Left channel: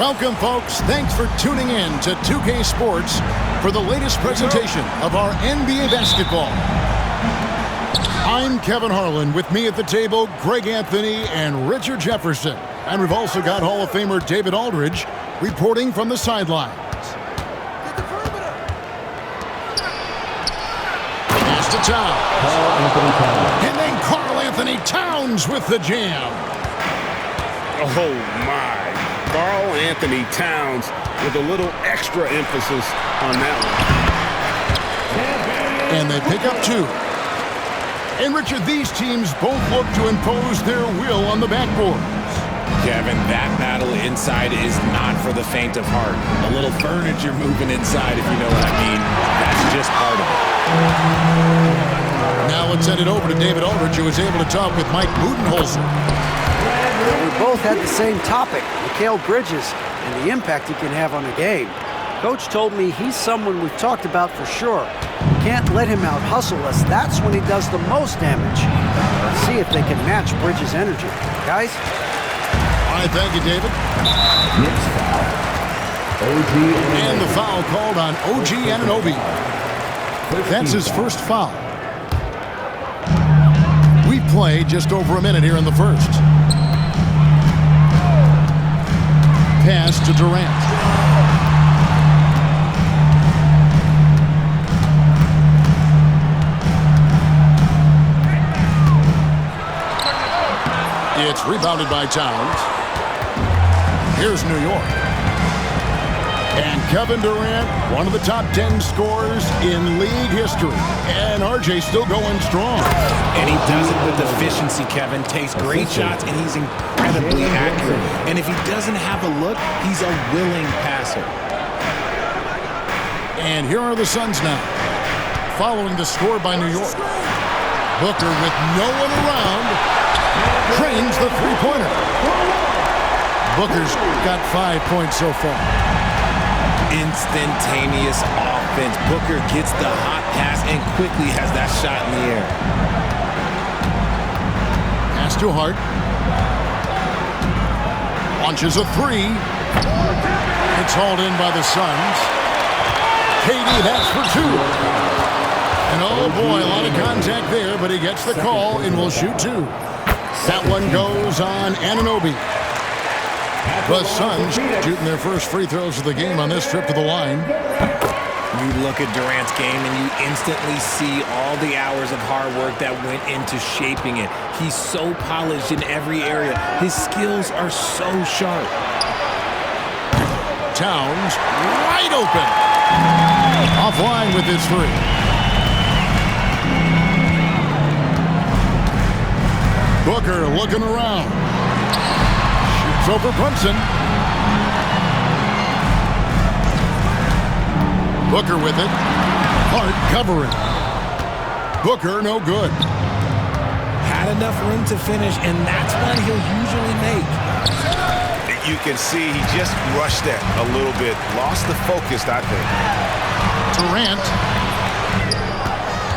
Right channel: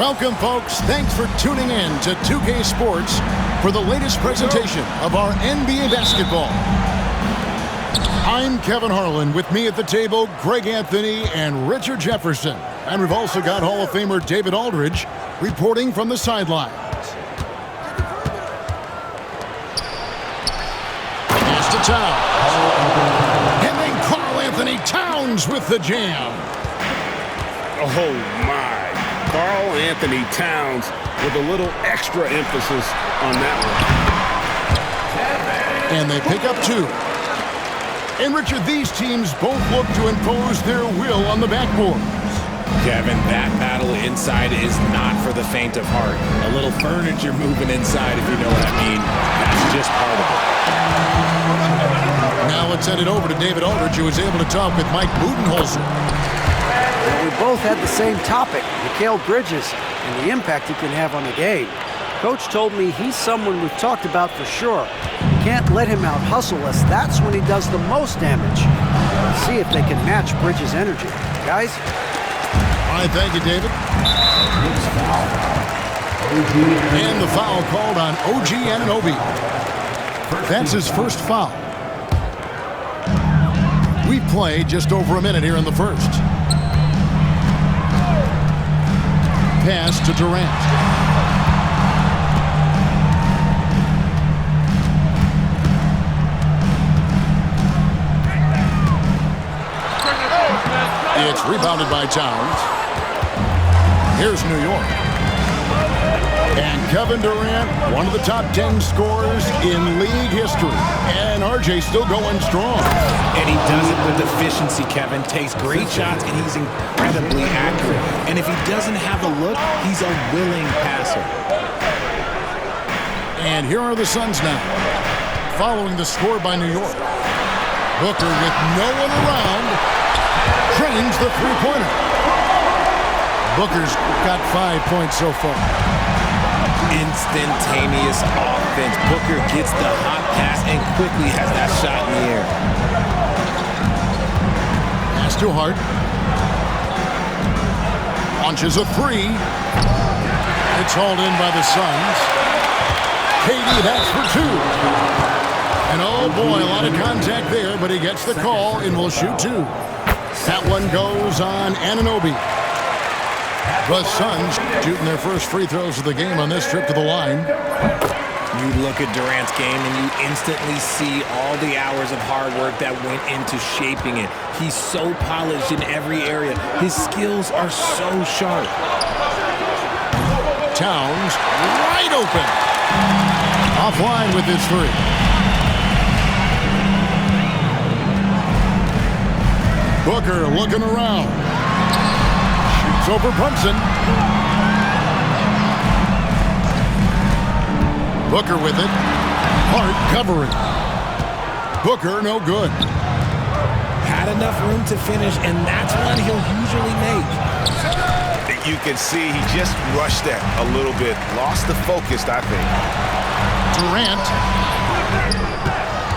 Welcome, folks. Thanks for tuning in to 2K Sports for the latest presentation of our NBA basketball. I'm Kevin Harlan. With me at the table, Greg Anthony and Richard Jefferson. And we've also got Hall of Famer David Aldridge reporting from the sidelines. Pass to Towns. And then Karl Anthony Towns with the jam. Oh, my. Karl Anthony Towns with a little extra emphasis on that one. And they pick up two. And, Richard, these teams both look to impose their will on the backboards. Kevin, that battle inside is not for the faint of heart. A little furniture moving inside, if you know what I mean. That's just part of it. Now let's send it over to David Aldridge, who was able to talk with Mike Budenholzer. We both had the same topic, Mikal Bridges, and the impact he can have on a game. Coach told me he's someone we've talked about for sure. We can't let him out-hustle us. That's when he does the most damage. Let's see if they can match Bridges' energy. Guys? All right, thank you, David. And the foul called on OG Anunoby. That's his first foul. We've played just over a minute here in the first. Pass to Durant. It's rebounded by Towns. Here's New York. And Kevin Durant, one of the top 10 scorers in league history. And RJ still going strong. And he does it with efficiency, Kevin. Takes great shots, and he's incredibly accurate. And if he doesn't have a look, he's a willing passer. And here are the Suns now, following the score by New York. Booker, with no one around, trains the three-pointer. Booker's got 5 points so far. Instantaneous offense. Booker gets the hot pass and quickly has that shot in the air. Pass to Hart. Launches a three. It's hauled in by the Suns. KD, that's for two. And oh boy, a lot of contact there, but he gets the call and will shoot two. That one goes on Anunoby. The Suns shooting their first free throws of the game on this trip to the line. You look at Durant's game and you instantly see all the hours of hard work that went into shaping it. He's so polished in every area. His skills are so sharp. Towns wide open. Offline with his three. Booker looking around. Shoots over Brunson. Booker with it. Hart covering. Booker no good. Had enough room to finish, and that's one he'll usually make. You can see he just rushed that a little bit. Lost the focus, I think. Durant.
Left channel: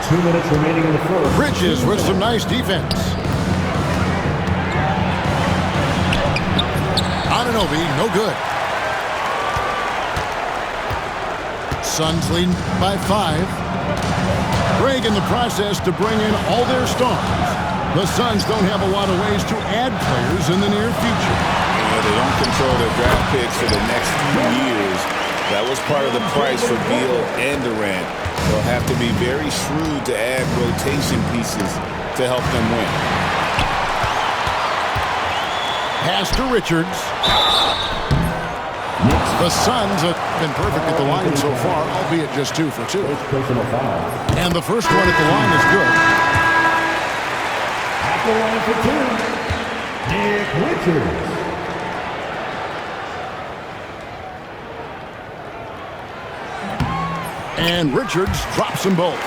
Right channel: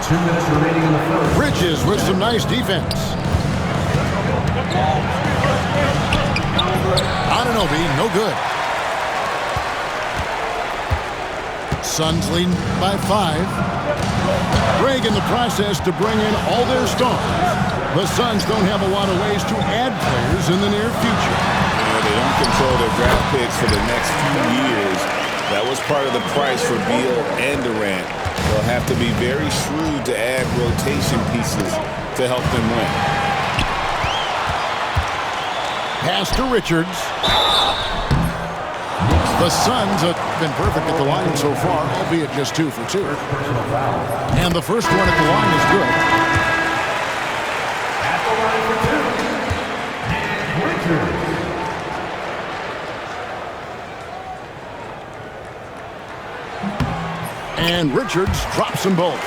2 minutes remaining in the first. Bridges with some nice defense. Anunoby, no good. Suns leading by 5. Greg in the process to bring in all their stars. The Suns don't have a lot of ways to add players in the near future. Yeah, they don't control their draft picks for the next few years. That was part of the price for Beal and Durant. They'll have to be very shrewd to add rotation pieces to help them win. Pass to Richards. The Suns have been perfect at the line so far, albeit just 2 for 2. Personal foul. And the first one at the line is good. At the line for 2, Nick Richards. And Richards drops them both.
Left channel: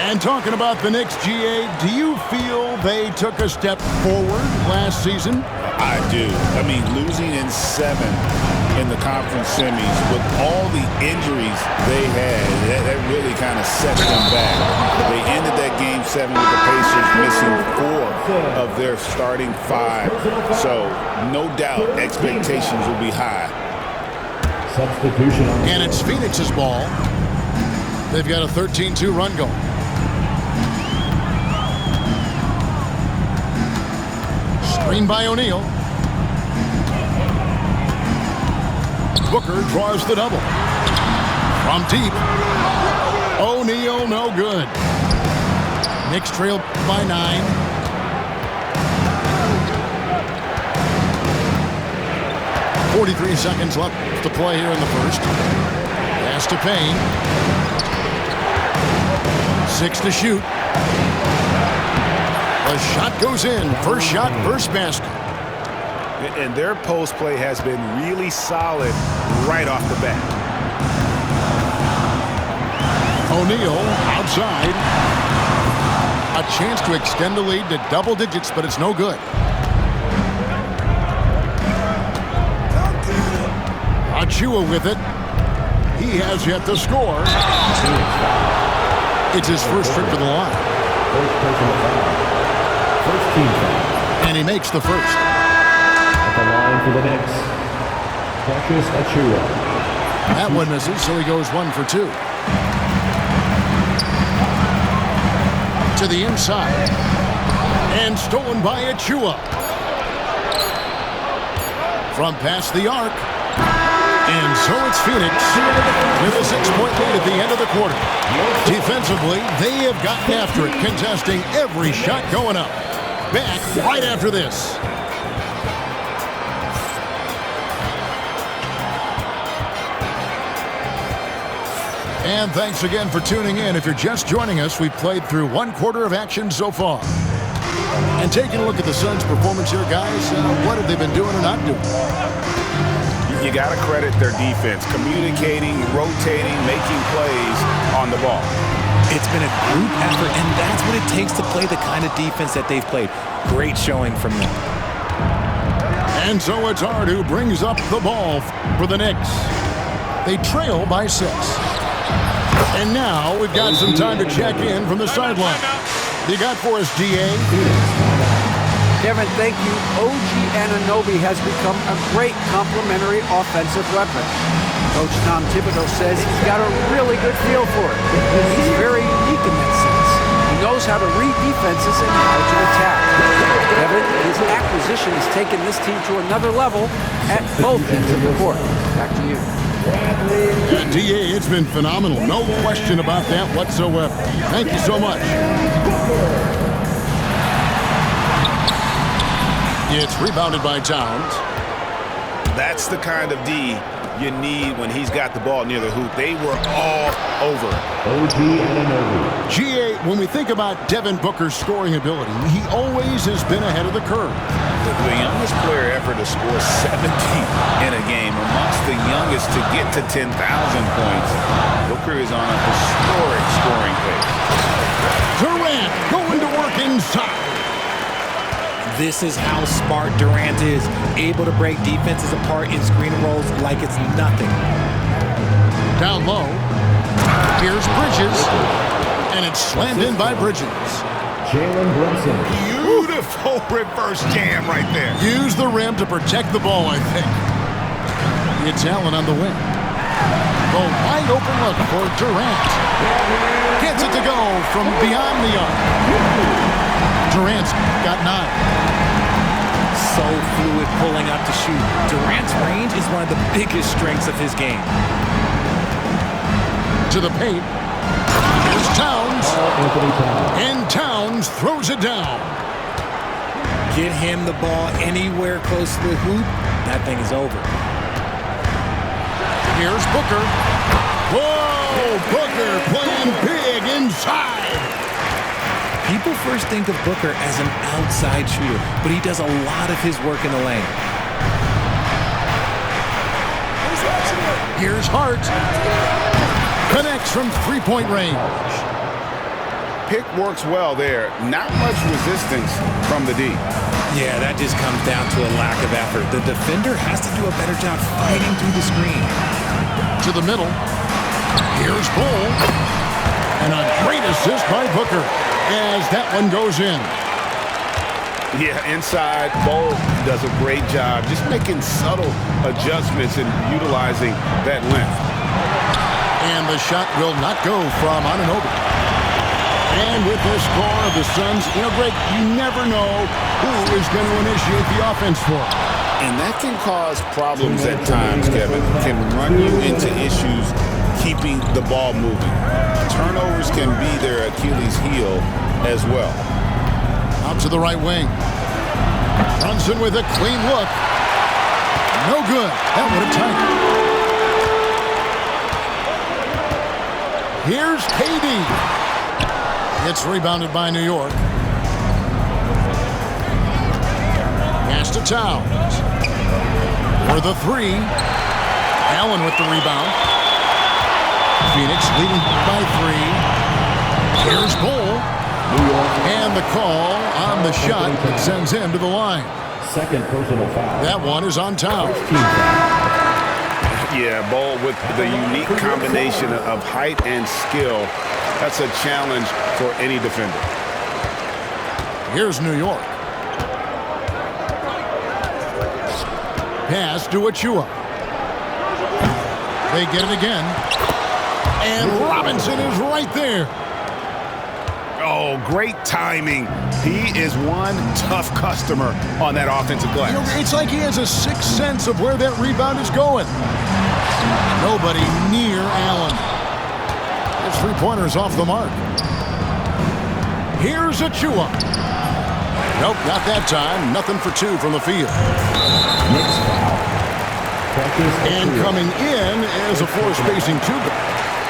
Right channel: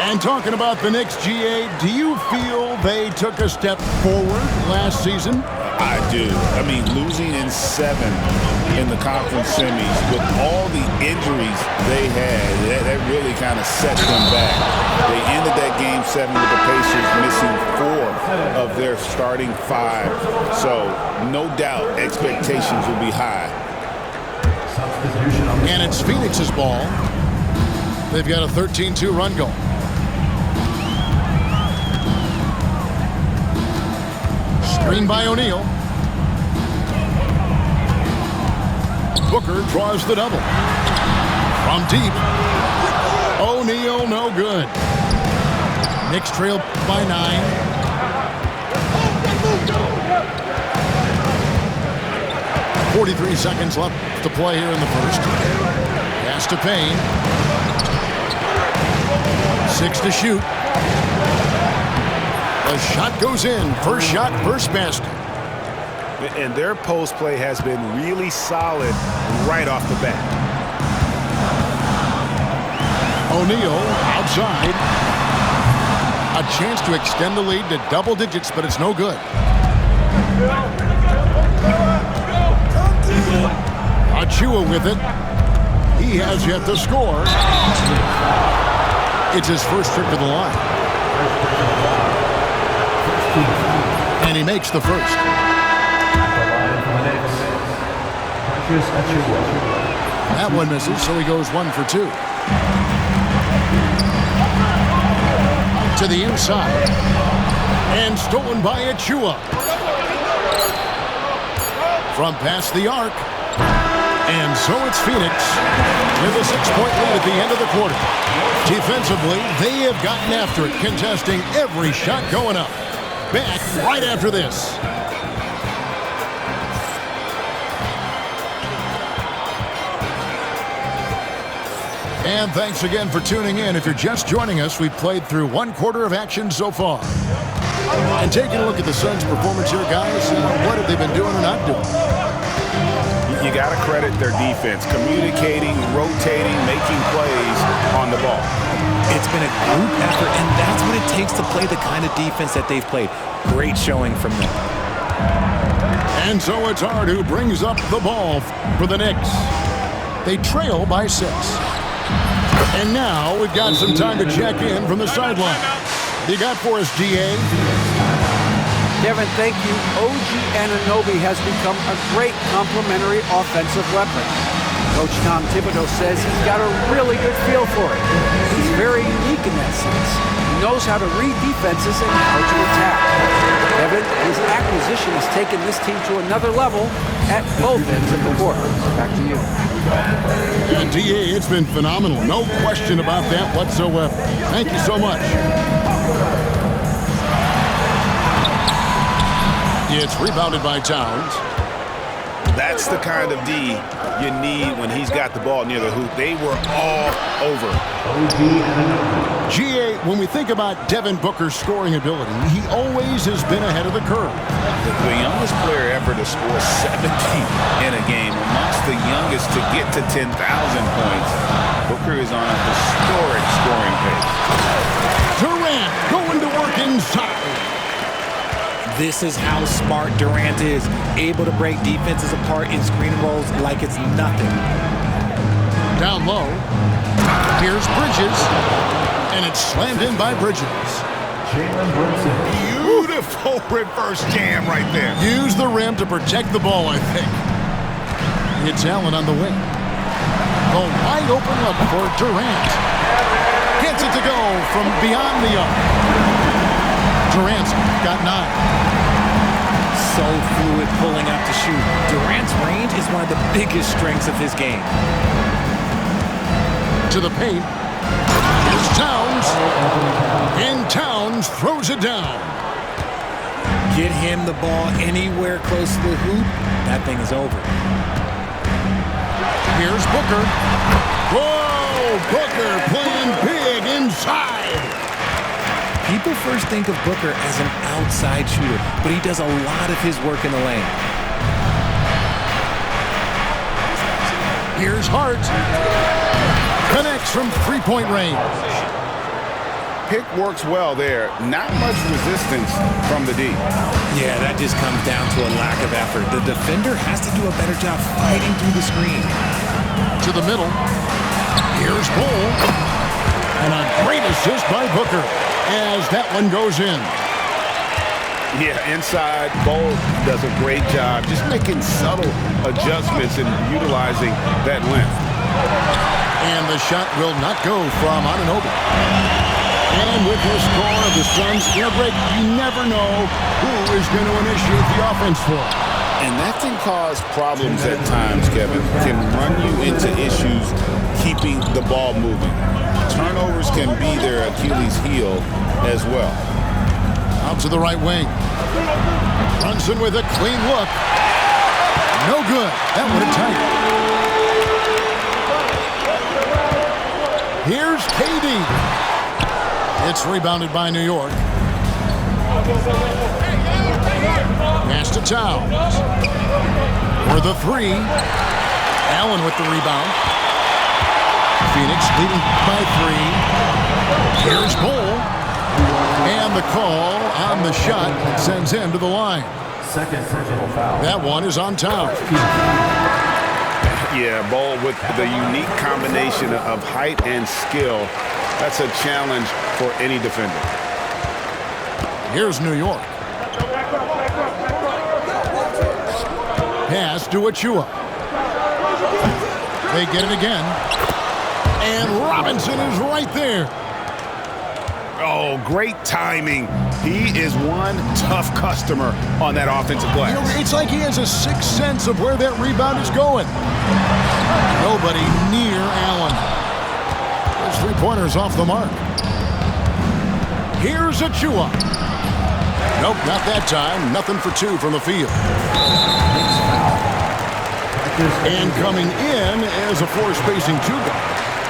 And talking about the Knicks, GA, do you feel they took a step forward last season? I do. I mean, losing in 7 in the conference semis. With all the injuries they had, that really kind of set them back. They ended that Game 7 with the Pacers missing 4 of their starting 5. So no doubt expectations will be high. Substitution on the And it's Phoenix's ball. They've got a 13-2 run going. Screen by O'Neal. Booker draws the double. From deep. O'Neal no good. Knicks trail by 9. .43 seconds left to play here in the first. Pass to Payne. 6 to shoot. The shot goes in. First shot, first basket. And their post play has been really solid right off the bat. O'Neal outside. A chance to extend the lead to double digits, but it's no good. Achua with it. He has yet to score. It's his first trip to the line. first personal foul. First team foul. And he makes the first. At the line for the Knicks, Precious Achiuwa. That one misses, so he goes 1 for 2. To the inside. And stolen by Achua. From past the arc. And so it's Phoenix with a 6-point lead at the end of the quarter. Defensively, they have gotten after it, contesting every shot going up. Back right after this. And thanks again for tuning in. If you're just joining us, we've played through 1 quarter of action so far. And taking a look at the Suns' performance here, guys, what have they been doing or not doing? You got to credit their defense, communicating, rotating, making plays on the ball. It's been a group effort, and that's what it takes to play the kind of defense that they've played. Great showing from them. And so it's Hart who brings up the ball for the Knicks. They trail by 6. And now we've got some time to check in from the sideline. What do you got for us, GA? Kevin, thank you. OG Anunoby has become a great complementary offensive weapon. Coach Tom Thibodeau says he's got a really good feel for it. He's very unique in that sense. He knows how to read defenses and how to attack. Kevin, his acquisition has taken this team to another level at both ends of the court. Back to you. And DA, it's been phenomenal. No question about that whatsoever. Thank you so much. It's rebounded by Towns. That's the kind of D you need when he's got the ball near the hoop. They were all over. OG Anunoby. GA, when we think about Devin Booker's scoring ability, he always has been ahead of the curve. The youngest player ever to score 70 in a game, amongst the youngest to get to 10,000 points. Booker is on a historic scoring pace. Durant going to work inside. This is how smart Durant is, able to break defenses apart in screen rolls like it's nothing. Down low. Here's Bridges. And it's slammed in by Bridges. Jalen Brunson. Beautiful reverse jam right there. Use the rim to protect the ball, I think. It's Allen on the wing. The wide open look for Durant. Gets it to go from beyond the arc. Durant's got 9. So fluid pulling up to shoot. Durant's range is one of the biggest strengths of his game. To the paint. Here's Towns. Anthony Towns. And Towns throws it down. Get him the ball anywhere close to the hoop, that thing is over. Here's Booker. Whoa! Booker playing big inside. People first think of Booker as an outside shooter, but he does a lot of his work in the lane. Here's Hart. Connects from three-point range. Pick works well there. Not much resistance from the D. Yeah, that just comes down to a lack of effort. The defender has to do a better job fighting through the screen. To the middle. Here's Bull. And a great assist by Booker as that one goes in. Yeah, inside, Bull does a great job just making subtle adjustments and utilizing that length. And the shot will not go from Anunoby. And with the score of the Suns, Greg, you never know who is going to initiate the offense for them. And that can cause problems at times, Kevin. Can run you into issues keeping the ball moving. Turnovers can be their Achilles heel as well. Out to the right wing. Brunson with a clean look. No good. That would have tied it. Here's KD. It's rebounded by New York. Pass to Towns. For the three. Allen with the rebound. Phoenix leading by 3. Here's Bull. And the call on the shot that sends him to the line. Second personal foul. That one is on Towns. Yeah, Bull with the unique combination of height and skill. That's a challenge for any defender. Here's New York. Pass to Achua. They get it again. And Robinson is right there. Oh, great timing. He is one tough customer on that offensive glass. It's like he has a sixth sense of where that rebound is going. Nobody near Allen. His three-pointer's off the mark. Here's Achua. Nope, not that time. Nothing for 2 from the field. And coming in as a floor-spacing 2 guard.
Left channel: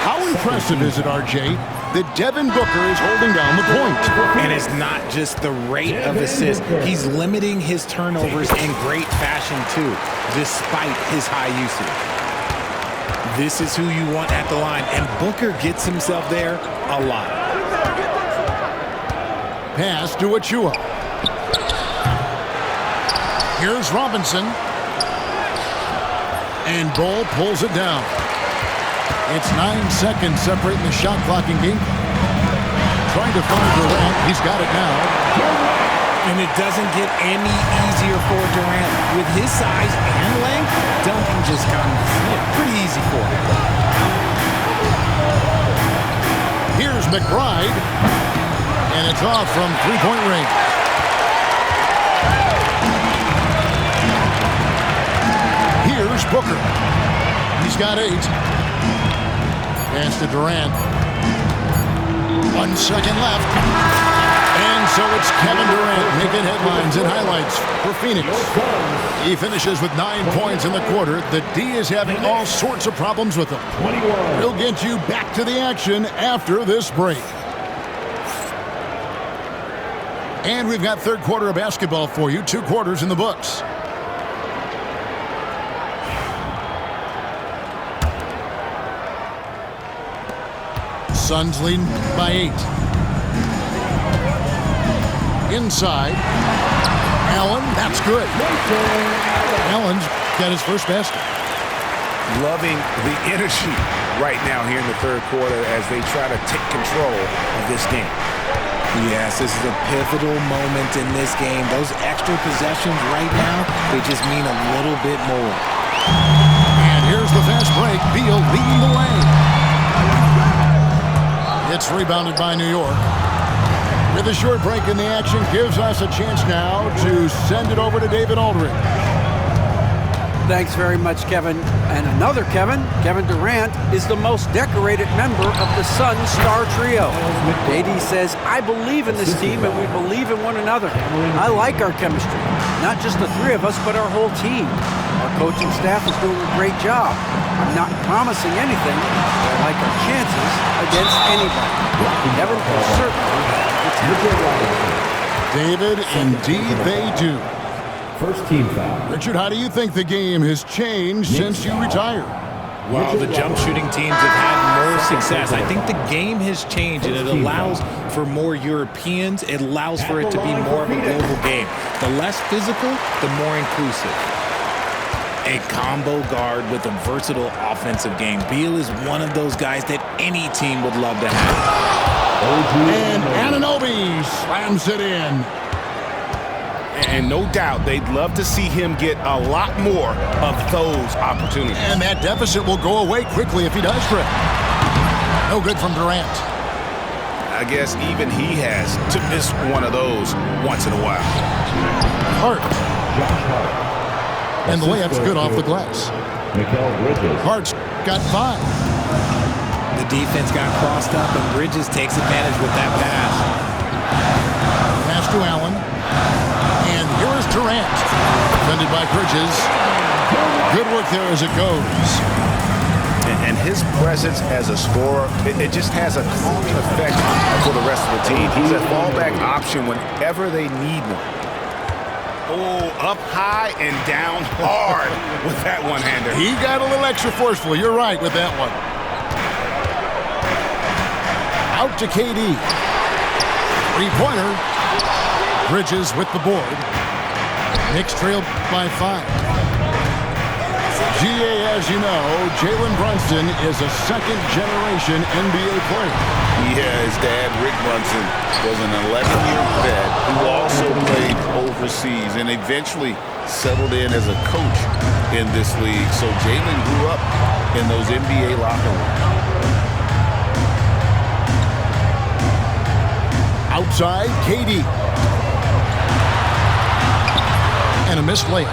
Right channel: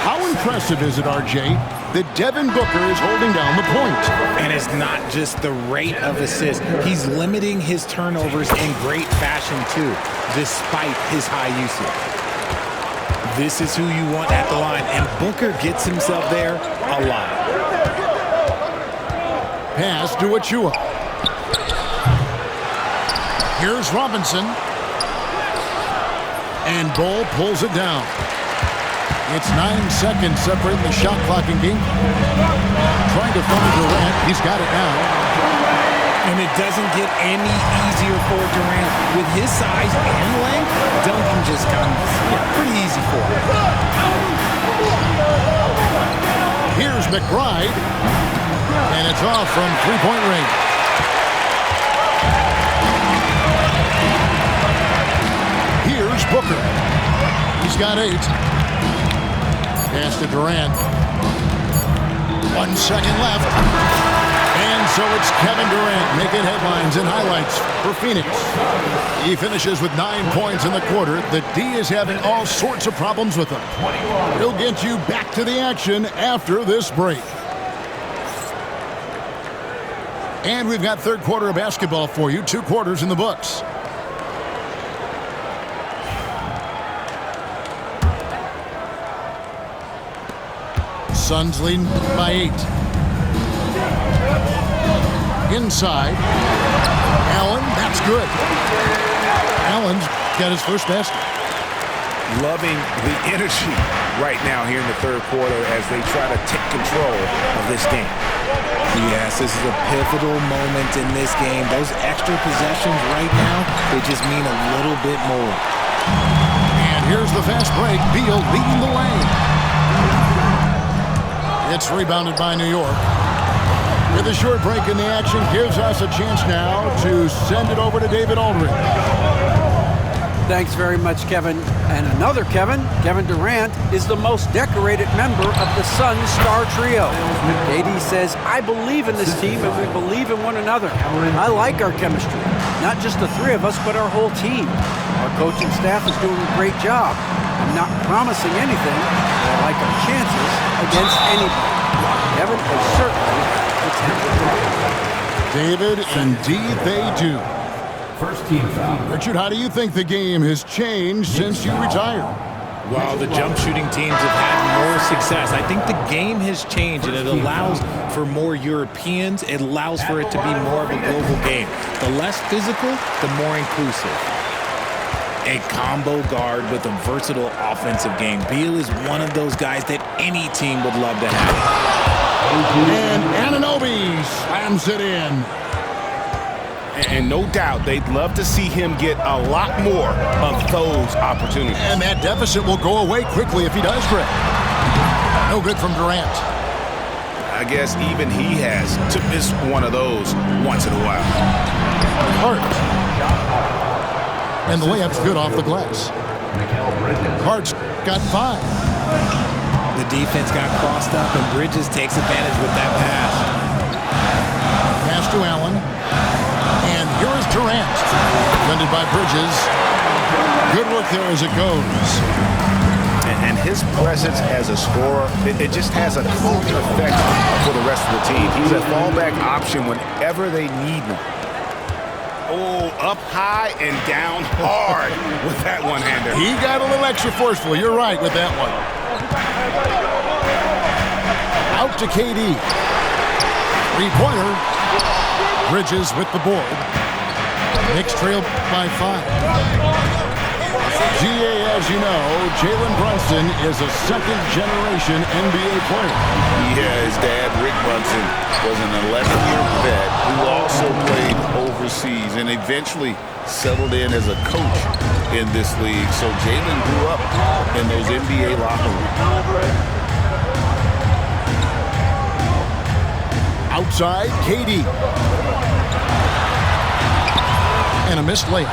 How impressive is it, RJ, that Devin Booker is holding down the point? And it's not just the rate of assists. He's limiting his turnovers in great fashion, too, despite his high usage. This is who you want at the line, and Booker gets himself there a lot. Pass to Achua. Here's Robinson. And Bull pulls it down. It's 9 seconds separating the shot clock and game clock. Trying to find Durant. He's got it now. And it doesn't get any easier for Durant. With his size and length, dunking just comes pretty easy for him. Here's McBride. And it's off from three-point range. Here's Booker. He's got 8. Pass to Durant. 1 second left. And so it's Kevin Durant making headlines and highlights for Phoenix. He finishes with 9 points in the quarter. The D is having all sorts of problems with him. We'll get you back to the action after this break. And we've got third quarter of basketball for you. 2 quarters in the books. Suns leading by 8. Inside. Allen, that's good. Allen's got his first basket. Loving the energy right now here in the third quarter as they try to take control of this game. Yes, this is a pivotal moment in this game. Those extra possessions right now, they just mean a little bit more. And here's the fast break. Beal leading the lane. It's rebounded by New York. With a short break in the action, gives us a chance now to send it over to David Aldridge. Thanks very much, Kevin. And another Kevin, Kevin Durant, is the most decorated member of the Suns star trio. KD says, I believe in this team and we believe in one another. I like our chemistry. Not just the 3 of us, but our whole team. Our coaching staff is doing a great job. I'm not promising anything, but I like our chances against anybody. Kevin will certainly have the talent. David, indeed they do. First team foul. Richard, how do you think the game has changed since you retired? While the jump shooting teams have had more success, I think the game has changed, and it allows for more Europeans. It allows for it to be more of a global game. The less physical, the more inclusive. A combo guard with a versatile offensive game. Beal is one of those guys that any team would love to have. And Anunoby slams it in. And no doubt they'd love to see him get a lot more of those opportunities. And that deficit will go away quickly if he does, Greg. No good from Durant. I guess even he has to miss one of those once in a while. Hart. And the layup's good off the glass. Hart's got 5. The defense got crossed up, and Bridges takes advantage with that pass. Pass to Allen. And here is Durant. Defended by Bridges. Good work there as it goes. And his presence as a scorer, it just has a calming effect for the rest of the team. He's a fallback option whenever they need one. Oh, up high and down hard with that one-hander. He got a little extra forceful. You're right with that one. Out to KD. 3-pointer. Bridges with the board. Knicks trail by 5. GA, as you know, Jalen Brunson is a second-generation NBA player. Yeah, his dad, Rick Brunson, was an 11-year vet who also played overseas and eventually settled in as a coach in this league. So Jalen grew up in those NBA locker rooms. Outside, KD. And a missed layup.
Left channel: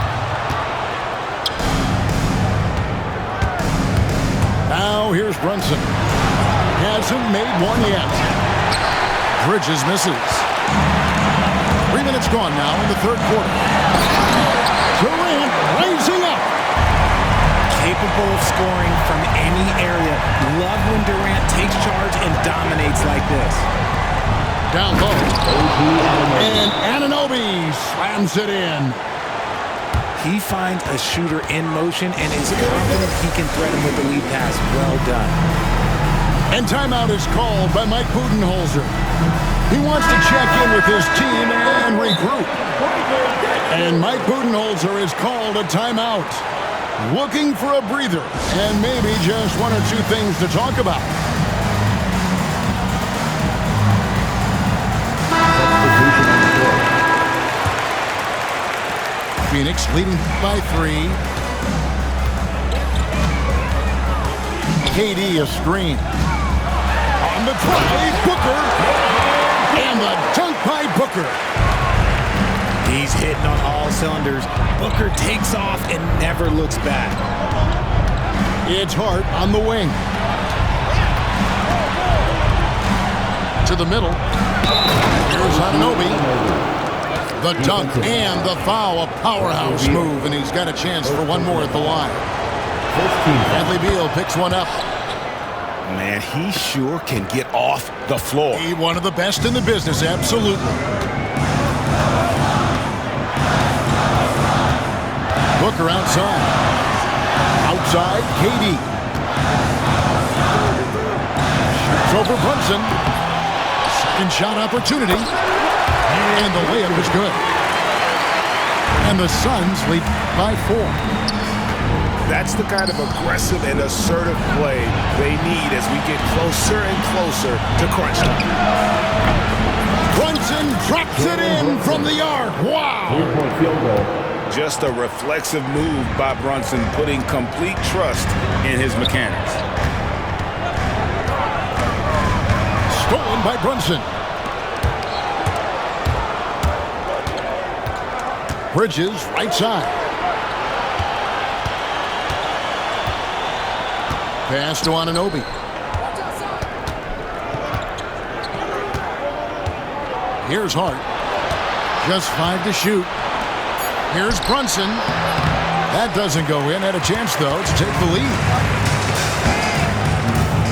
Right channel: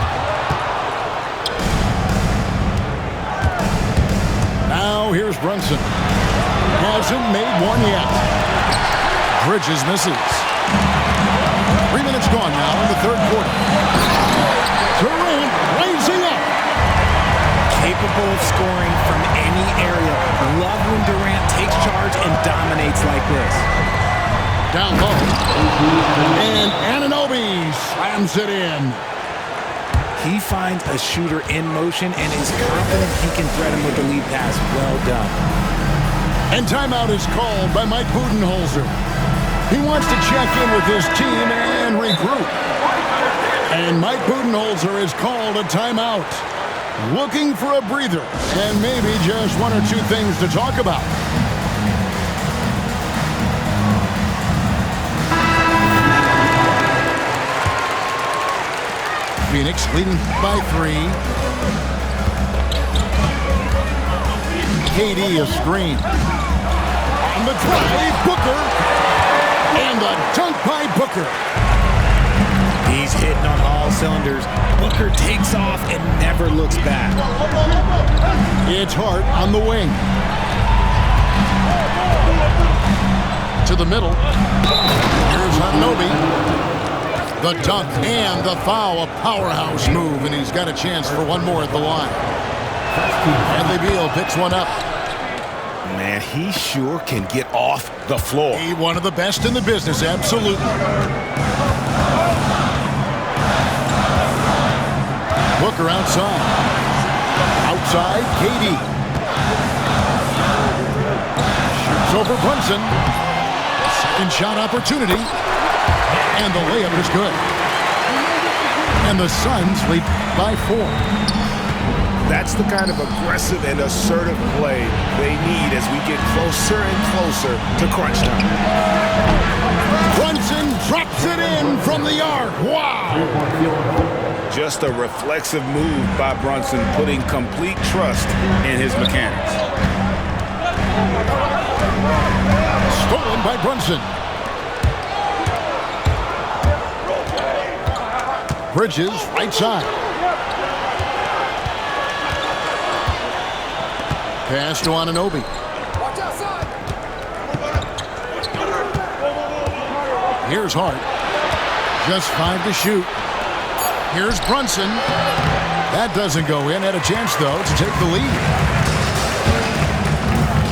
Now here's Brunson. Hasn't made one yet. Bridges misses. 3 minutes gone now in the third quarter. Durant rising up. Capable of scoring from any area. Love when Durant takes charge and dominates like this. Down low. And Anunoby slams it in. He finds a shooter in motion and is confident he can thread him with the lead pass. Well done. And timeout is called by Mike Budenholzer. He wants to check in with his team and regroup. And Mike Budenholzer has called a timeout. Looking for a breather and maybe just 1 or 2 things to talk about. Phoenix leading by 3. KD a screen. On the try, Booker. And the dunk by Booker. He's hitting on all cylinders. Booker takes off and never looks back. It's Hart on the wing. To the middle. Here's Anunoby. The dunk and the foul, a powerhouse move, and he's got a chance for one more at the line. Bradley Beal picks one up. Man, he sure can get off the floor. He one of the best in the business, absolutely. Booker outside. Outside, KD. Shoots over Brunson. Second shot opportunity. And the layup is good. And the Suns lead by 4. That's the kind of aggressive and assertive play they need as we get closer and closer to crunch time. Brunson drops it in from the arc. Wow. Just a reflexive move by Brunson, putting complete trust in his mechanics. Stolen by Brunson. Bridges, right side. Pass to Anunoby. Here's Hart. Just 5 to shoot. Here's Brunson. That doesn't go in. Had a chance, though, to take the lead.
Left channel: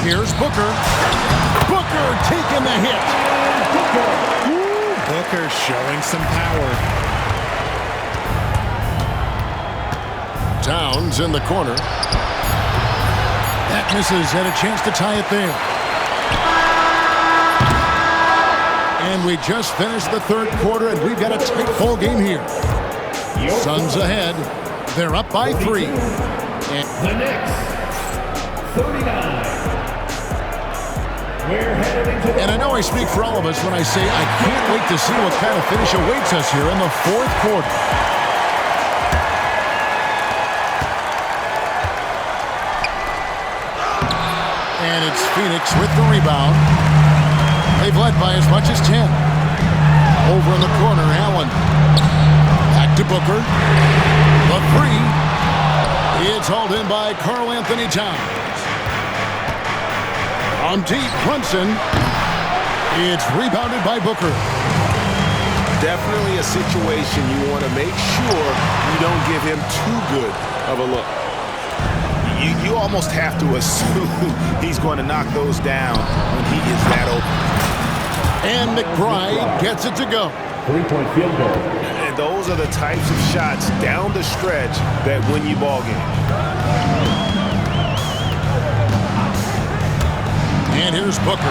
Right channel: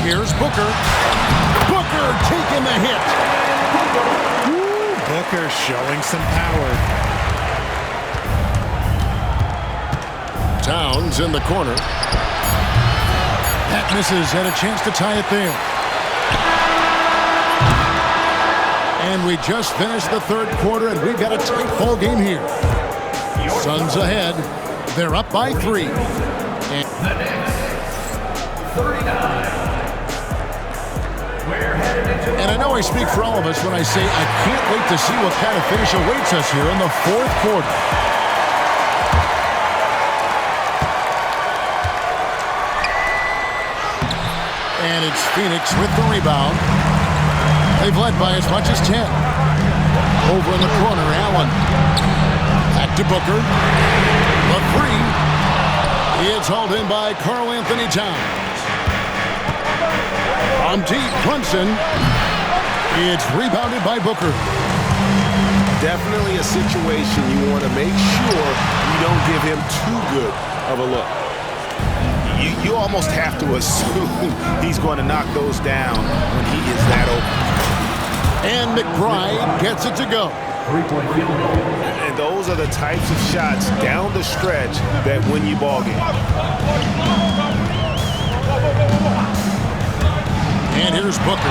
Here's Booker. Booker taking the hit. Booker showing some power. Towns in the corner. That misses, and a chance to tie it there. And we just finished the third quarter, and we've got a tight ball game here. Suns ahead. They're up by 3. The Knicks, 39. We're headed into And I know I speak for all of us when I say I can't wait to see what kind of finish awaits us here in the fourth quarter. And it's Phoenix with the rebound. They've led by as much as 10. Over in the corner, Allen. Back to Booker. The 3. It's hauled in by Karl Anthony Towns. On deep, Brunson. It's rebounded by Booker. Definitely a situation you want to make sure you don't give him too good of a look. You almost have to assume he's going to knock those down when he is that open. And McBride gets it to go. 3-point field goal. And those are the types of shots down the stretch that win you ball games. And here's Booker.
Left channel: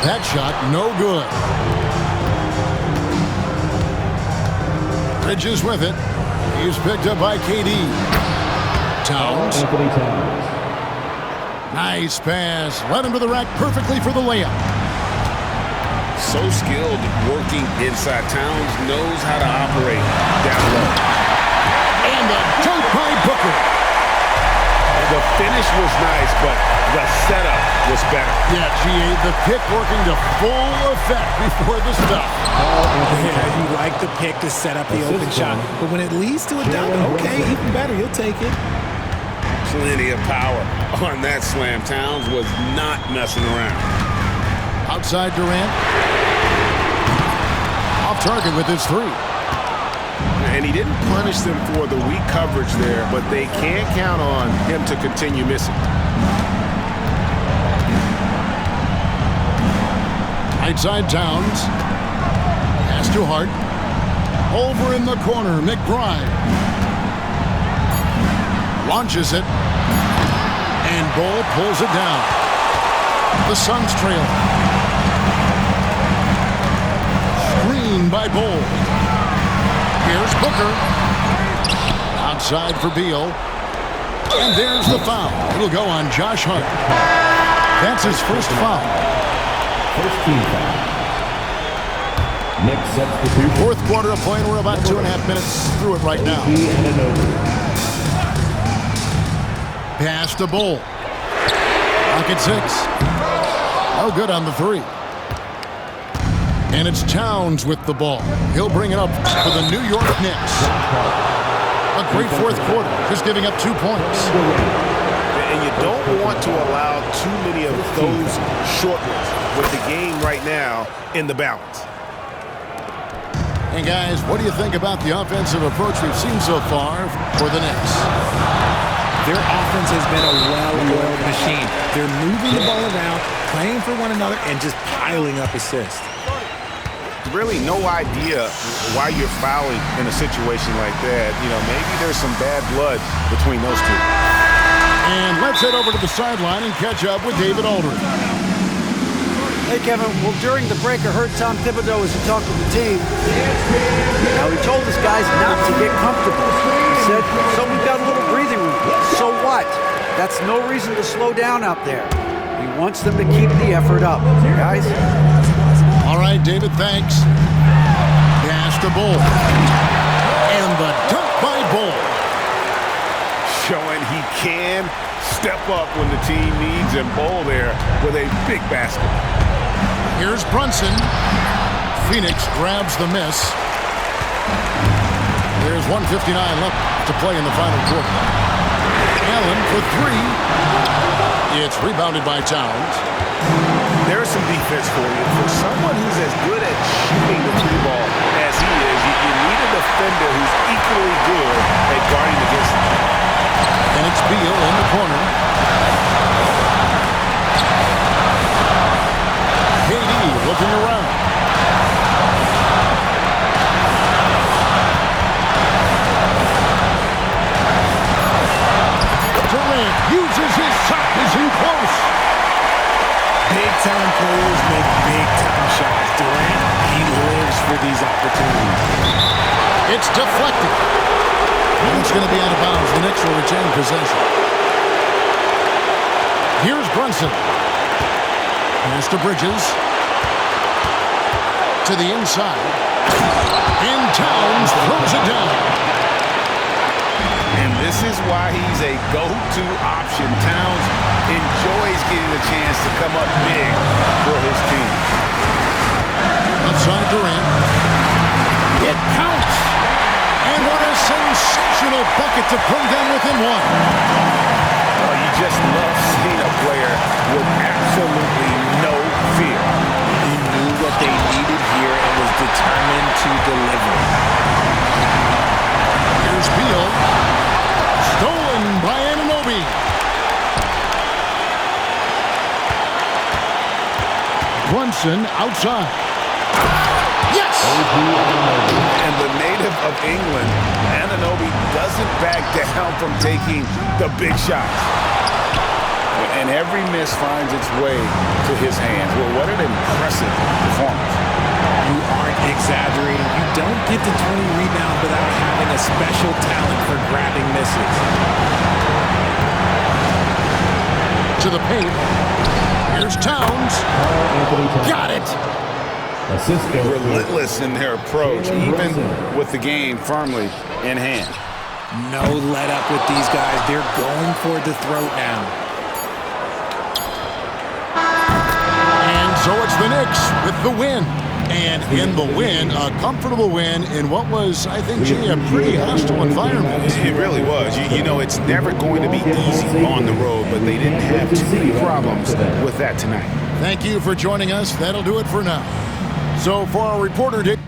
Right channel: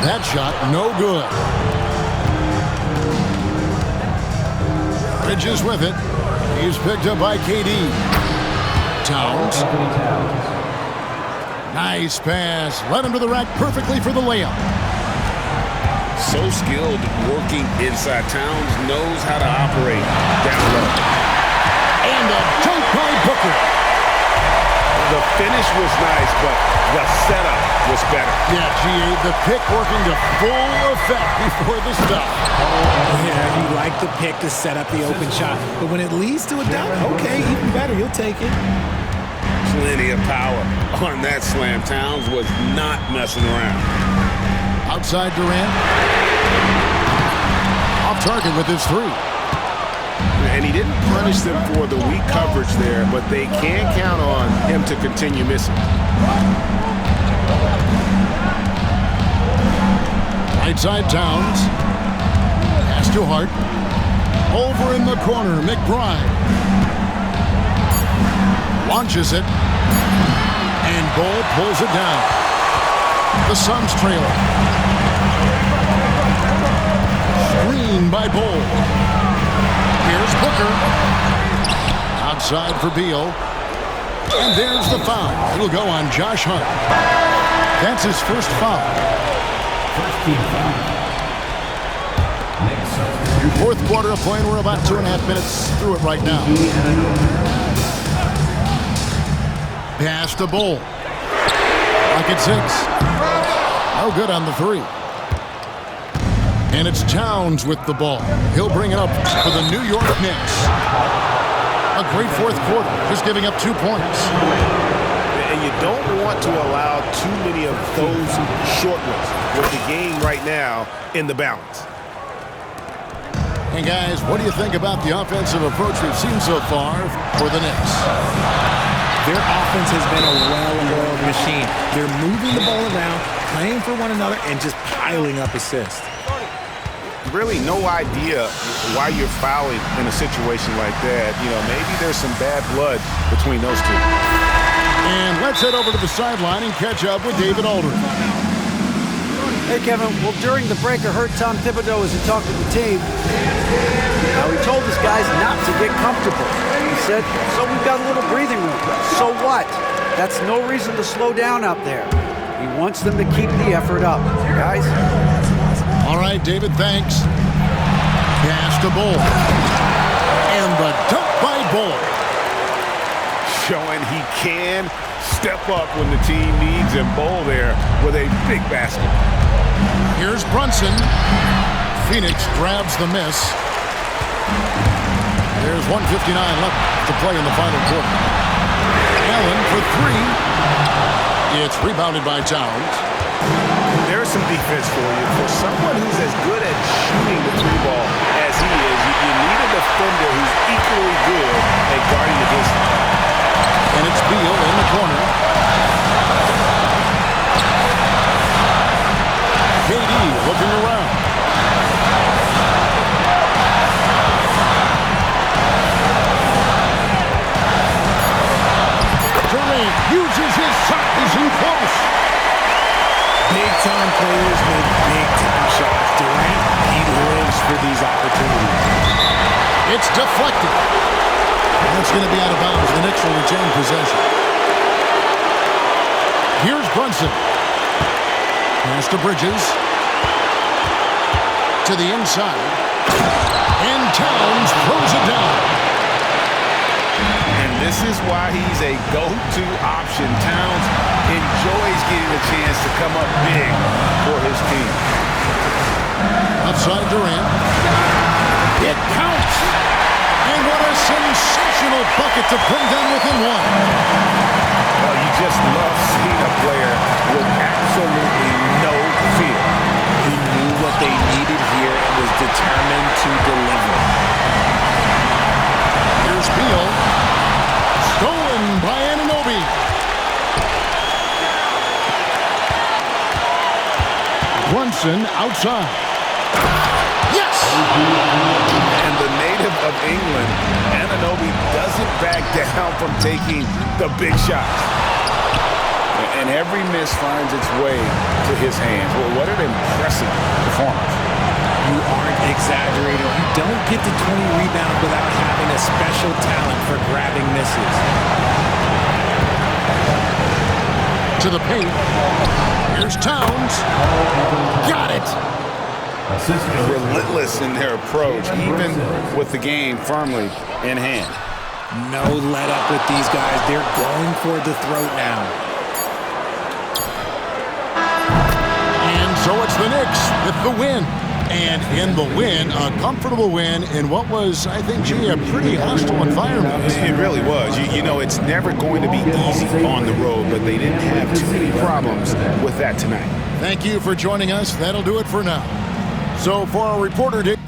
That shot, no good. Bridges with it. He's picked up by KD. Towns. Anthony Towns. Nice pass. Led him to the rack perfectly for the layup. So skilled working inside. Towns knows how to operate down low. And a dunk by Booker. The finish was nice, but the setup was better. Yeah, GA, the pick working to full effect before the stop. Yeah, you like the pick to set up the open shot. But when it leads to a dunk, okay, even better. You'll take it. Plenty of power on that slam. Towns was not messing around. Outside Durant. Off target with his 3. And he didn't punish them for the weak coverage there, but they can't count on him to continue missing. Right side Towns. Pass to Hart. Over in the corner, McBride. Launches it. And Ball pulls it down. The Suns trail. Screen by Ball. Here's Booker. Outside for Beal. And there's the foul. It'll go on Josh Hart. That's his first foul. First team foul. Next substitution. Fourth quarter of play, and we're about 2.5 minutes through it right now. Pass to Bull. Rocket 6. No good on the 3. And it's Towns with the ball. He'll bring it up for the New York Knicks. A great fourth quarter, just giving up 2 points. And you don't want to allow too many of those short ones with the game right now in the balance. And guys, what do you think about the offensive approach we've seen so far for the Knicks? Their offense has been a well-oiled machine. They're moving the ball around, playing for one another, and just piling up assists. Really no idea why you're fouling in a situation like that. You know, maybe there's some bad blood between those two. And let's head over to the sideline and catch up with David Aldridge. Hey, Kevin. Well, during the break, I heard Tom Thibodeau as he talked with the team. Now, he told his guys not to get comfortable. He said, so we've got a little breathing room. So what? That's no reason to slow down out there. He wants them to keep the effort up. Guys? All right, David, thanks. Pass to Bull. And the dunk by Bull. Showing he can step up when the team needs him. Bull there with a big basket. Here's Brunson. Phoenix grabs the miss. There's 1:59 left to play in the final quarter. Allen for 3. It's rebounded by Towns. There's some defense for you. For someone who's as good at shooting the 3-ball as he is, you need a defender who's equally good at guarding against him. And it's Beal in the corner. KD looking around. Durant Durant uses his size in close. Big-time players make big-time shots. Durant, he lives for these opportunities. It's deflected. And it's going to be out of bounds. The Knicks will retain possession. Here's Brunson. Pass to Bridges. To the inside. And Towns throws it down. And this is why he's a go-to option. Towns enjoys getting a chance to come up big for his team. Outside Durant. It counts. And what a sensational bucket to bring them within one. Oh, you just love seeing a player with absolutely no fear. He knew what they needed here and was determined to deliver. Here's Beal. Stolen by Anunoby. Brunson outside. Yes! And the native of England, Anunoby doesn't back down from taking the big shots. And every miss finds its way to his hands. Well, what an impressive performance. You aren't exaggerating. You don't get to 20 rebounds without having a special talent for grabbing misses. To the paint. Here's Towns. Got it. Relentless in their approach, even with the game firmly in hand. No let up with these guys. They're going for the throat now. And so it's the Knicks with the win. And in the win, a comfortable win in what was, I think, a pretty hostile environment. It really was. You know, it's never going to be easy on the road, but they didn't have too many problems with that tonight. Thank you for joining us. That'll do it for now. So for our reporter, Dick.